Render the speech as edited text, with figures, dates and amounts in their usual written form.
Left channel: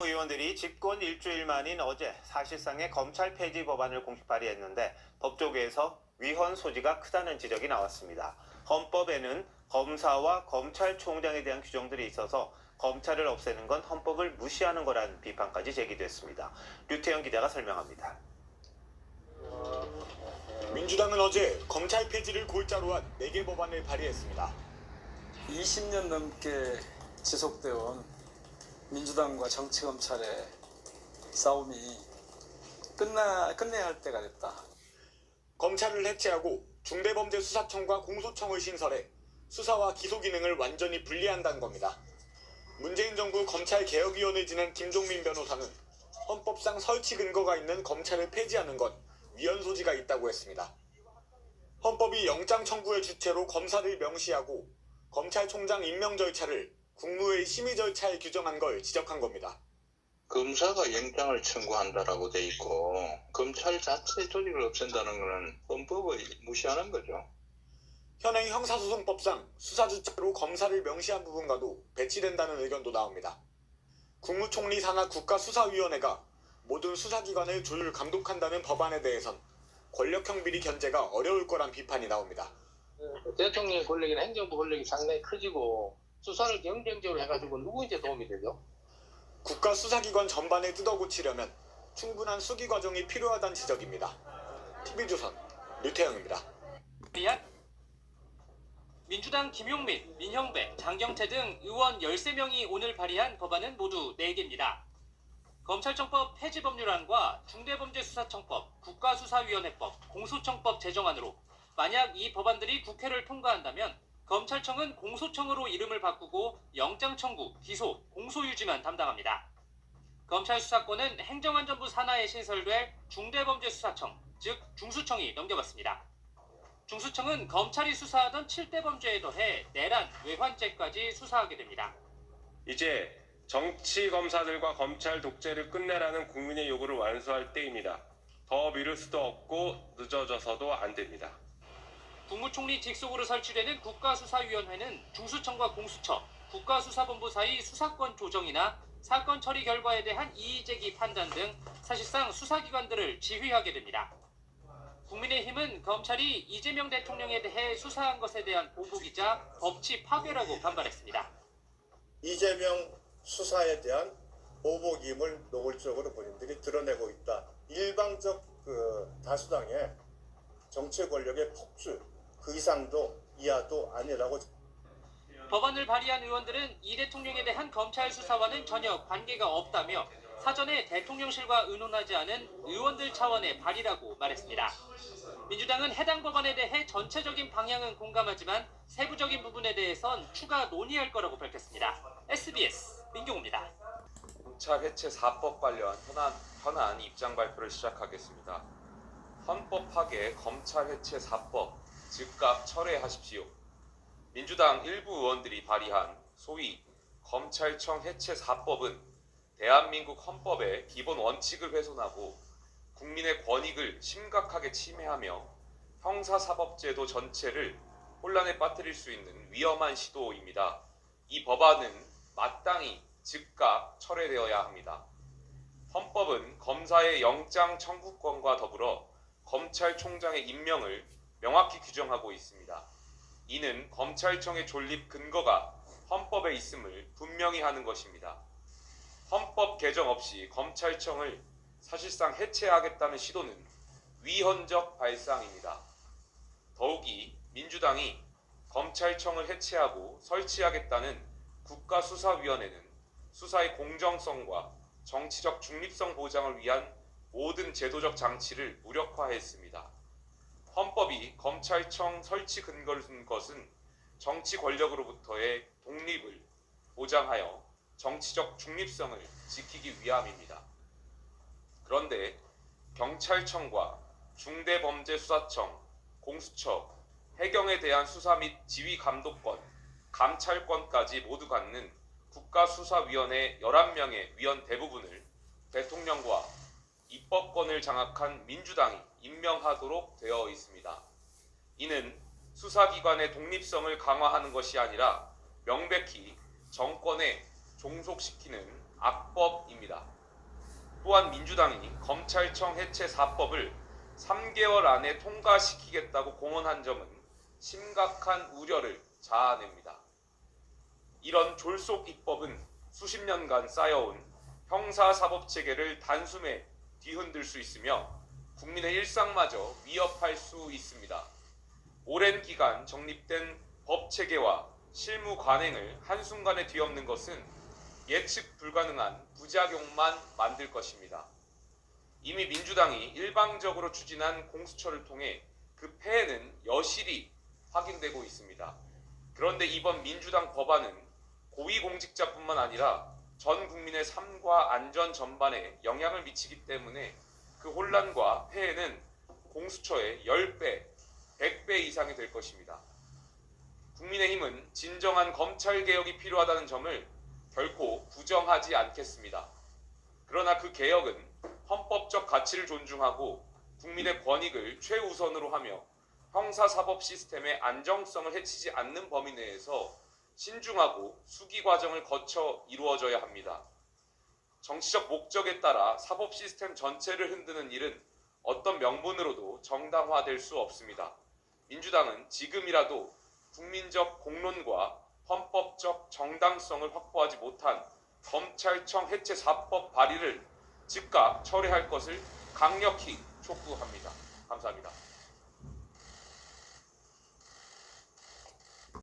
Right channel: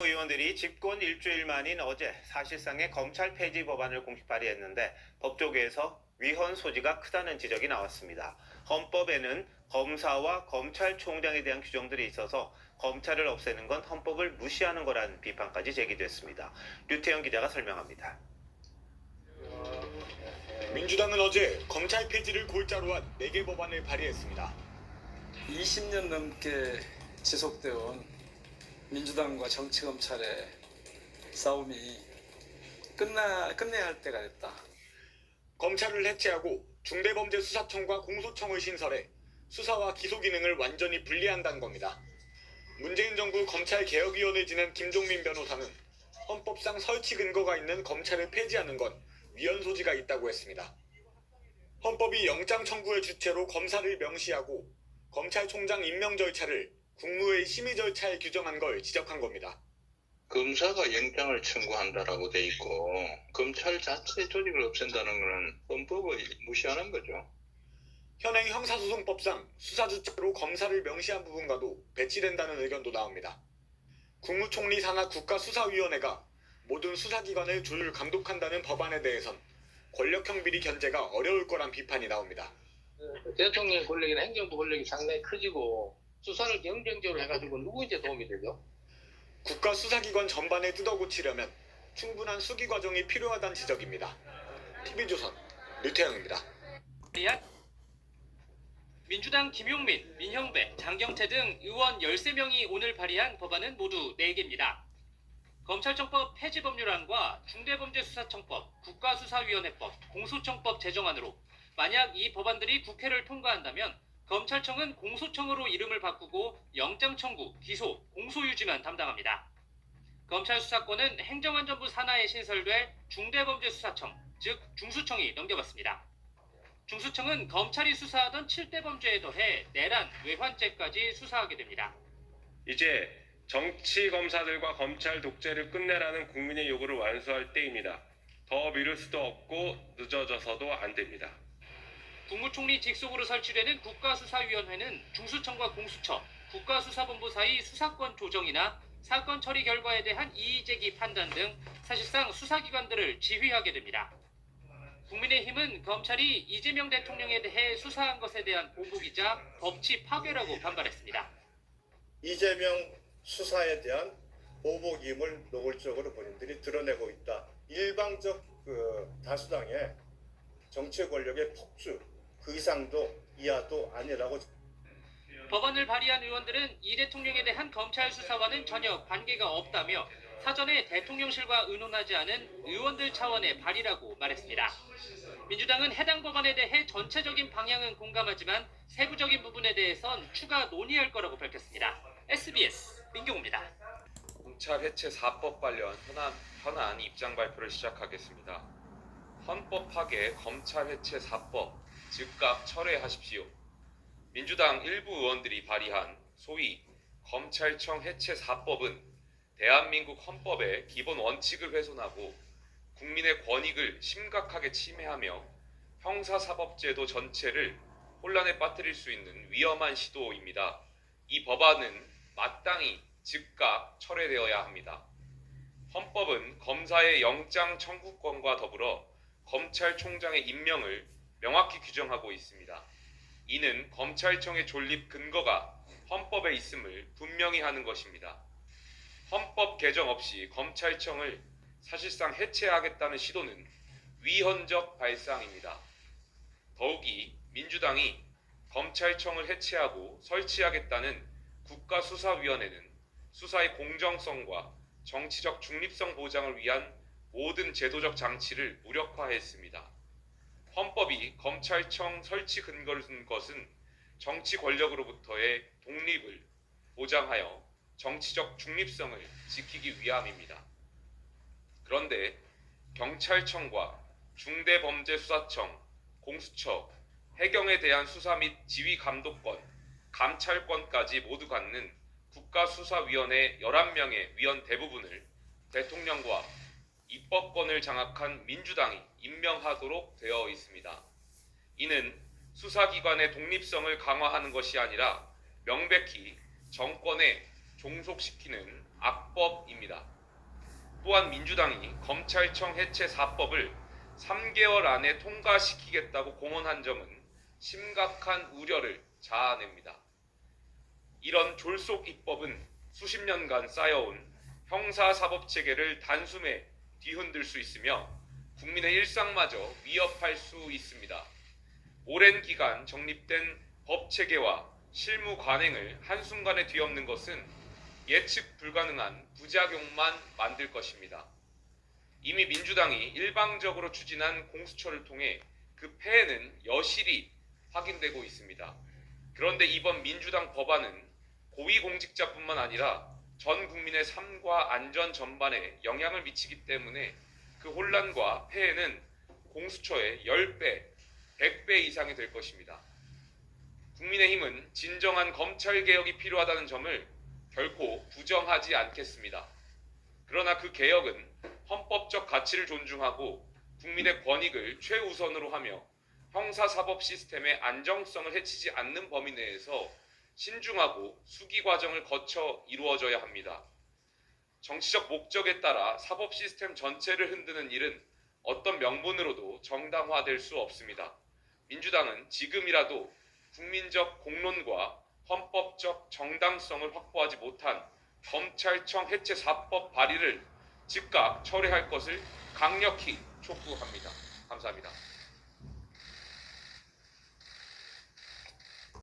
의원들이 집권 일주일 만인 어제 사실상의 검찰 폐지 법안을 공식 발의했는데 법조계에서 위헌 소지가 크다는 지적이 나왔습니다. 헌법에는 검사와 검찰총장에 대한 규정들이 있어서 검찰을 없애는 건 헌법을 무시하는 거란 비판까지 제기됐습니다. 류태영 기자가 설명합니다. 민주당은 어제 검찰 폐지를 골자로 한 4개 법안을 발의했습니다. 20년 넘게 지속되어 온 민주당과 정치검찰의 싸움이 끝내야 할 때가 됐다. 검찰을 해체하고 중대범죄수사청과 공소청을 신설해 수사와 기소 기능을 완전히 분리한다는 겁니다. 문재인 정부 검찰개혁위원을 지낸 김종민 변호사는 헌법상 설치 근거가 있는 검찰을 폐지하는 건 위헌 소지가 있다고 했습니다. 헌법이 영장 청구의 주체로 검사를 명시하고 검찰총장 임명 절차를 국무회의 심의 절차에 규정한 걸 지적한 겁니다. 검사가 영장을 청구한다라고 돼 있고 검찰 자체 조직을 없앤다는 것은 헌법을 무시하는 거죠. 현행 형사소송법상 수사 주체로 검사를 명시한 부분과도 배치된다는 의견도 나옵니다. 국무총리 산하 국가수사위원회가 모든 수사기관을 조율 감독한다는 법안에 대해선 권력형 비리 견제가 어려울 거란 비판이 나옵니다. 대통령 권력이나 행정부 권력이 상당히 커지고 수사를 경쟁적으로 해가지고 누구한테 도움이 되죠? 국가수사기관 전반을 뜯어고치려면 충분한 수기 과정이 필요하다는 지적입니다. TV조선 류태영입니다. 민주당 김용민, 민형배, 장경태 등 의원 13명이 오늘 발의한 법안은 모두 4개입니다. 검찰청법 폐지 법률안과 중대범죄수사청법, 국가수사위원회법, 공소청법 제정안으로 만약 이 법안들이 국회를 통과한다면 검찰청은 공소청으로 이름을 바꾸고 영장 청구, 기소, 공소 유지만 담당합니다. 검찰 수사권은 행정안전부 산하에 신설돼 중대범죄수사청, 즉 중수청이 넘겨받습니다. 중수청은 검찰이 수사하던 7대 범죄에 더해 내란, 외환죄까지 수사하게 됩니다. 이제 정치 검사들과 검찰 독재를 끝내라는 국민의 요구를 완수할 때입니다. 더 미룰 수도 없고 늦어져서도 안 됩니다. 국무총리 직속으로 설치되는 국가수사위원회는 중수청과 공수처, 국가수사본부 사이 수사권 조정이나 사건 처리 결과에 대한 이의제기 판단 등 사실상 수사기관들을 지휘하게 됩니다. 국민의힘은 검찰이 이재명 대통령에 대해 수사한 것에 대한 보복이자 법치 파괴라고 반발했습니다. 이재명 수사에 대한 보복임을 노골적으로 본인들이 드러내고 있다. 일방적 다수당의 정치 권력의 폭주, 그 이상도 이하도 아니라고. 법안을 발의한 의원들은 이 대통령에 대한 검찰 수사와는 전혀 관계가 없다며 사전에 대통령실과 의논하지 않은 의원들 차원의 발의라고 말했습니다. 민주당은 해당 법안에 대해 전체적인 방향은 공감하지만 세부적인 부분에 대해선 추가 논의할 거라고 밝혔습니다. SBS 민경호입니다. 검찰 해체 4법 관련 현안 입장 발표를 시작하겠습니다. 헌법 파괴 검찰 해체 4법 즉각 철회하십시오. 민주당 일부 의원들이 발의한 소위 검찰청 해체 4법은 대한민국 헌법의 기본 원칙을 훼손하고 국민의 권익을 심각하게 침해하며 형사사법제도 전체를 혼란에 빠뜨릴 수 있는 위험한 시도입니다. 이 법안은 마땅히 즉각 철회되어야 합니다. 헌법은 검사의 영장 청구권과 더불어 검찰총장의 임명을 명확히 규정하고 있습니다. 이는 검찰청의 존립 근거가 헌법에 있음을 분명히 하는 것입니다. 헌법 개정 없이 검찰청을 사실상 해체하겠다는 시도는 위헌적 발상입니다. 더욱이 민주당이 검찰청을 해체하고 설치하겠다는 국가수사위원회는 수사의 공정성과 정치적 중립성 보장을 위한 모든 제도적 장치를 무력화했습니다. 헌법이 검찰청 설치 근거를 둔 것은 정치 권력으로부터의 독립을 보장하여 정치적 중립성을 지키기 위함입니다. 그런데 경찰청과 중대범죄수사청, 공수처, 해경에 대한 수사 및 지휘 감독권, 감찰권까지 모두 갖는 국가수사위원회 11명의 위원 대부분을 대통령과 입법권을 장악한 민주당이 임명하도록 되어 있습니다. 이는 수사기관의 독립성을 강화하는 것이 아니라 명백히 정권에 종속시키는 악법입니다. 또한 민주당이 검찰청 해체 4법을 3개월 안에 통과시키겠다고 공언한 점은 심각한 우려를 자아냅니다. 이런 졸속 입법은 수십 년간 쌓여온 형사사법체계를 단숨에 뒤흔들 수 있으며 국민의 일상마저 위협할 수 있습니다. 오랜 기간 정립된 법체계와 실무 관행을 한순간에 뒤엎는 것은 예측 불가능한 부작용만 만들 것입니다. 이미 민주당이 일방적으로 추진한 공수처를 통해 그 폐해는 여실히 확인되고 있습니다. 그런데 이번 민주당 법안은 고위공직자뿐만 아니라 전 국민의 삶과 안전 전반에 영향을 미치기 때문에 그 혼란과 폐해는 공수처의 10배, 100배 이상이 될 것입니다. 국민의힘은 진정한 검찰개혁이 필요하다는 점을 결코 부정하지 않겠습니다. 그러나 그 개혁은 헌법적 가치를 존중하고 국민의 권익을 최우선으로 하며 형사사법 시스템의 안정성을 해치지 않는 범위 내에서 신중하고 수기 과정을 거쳐 이루어져야 합니다. 정치적 목적에 따라 사법 시스템 전체를 흔드는 일은 어떤 명분으로도 정당화될 수 없습니다. 민주당은 지금이라도 국민적 공론과 헌법적 정당성을 확보하지 못한 검찰청 해체 4법 발의를 즉각 철회할 것을 강력히 촉구합니다. 감사합니다.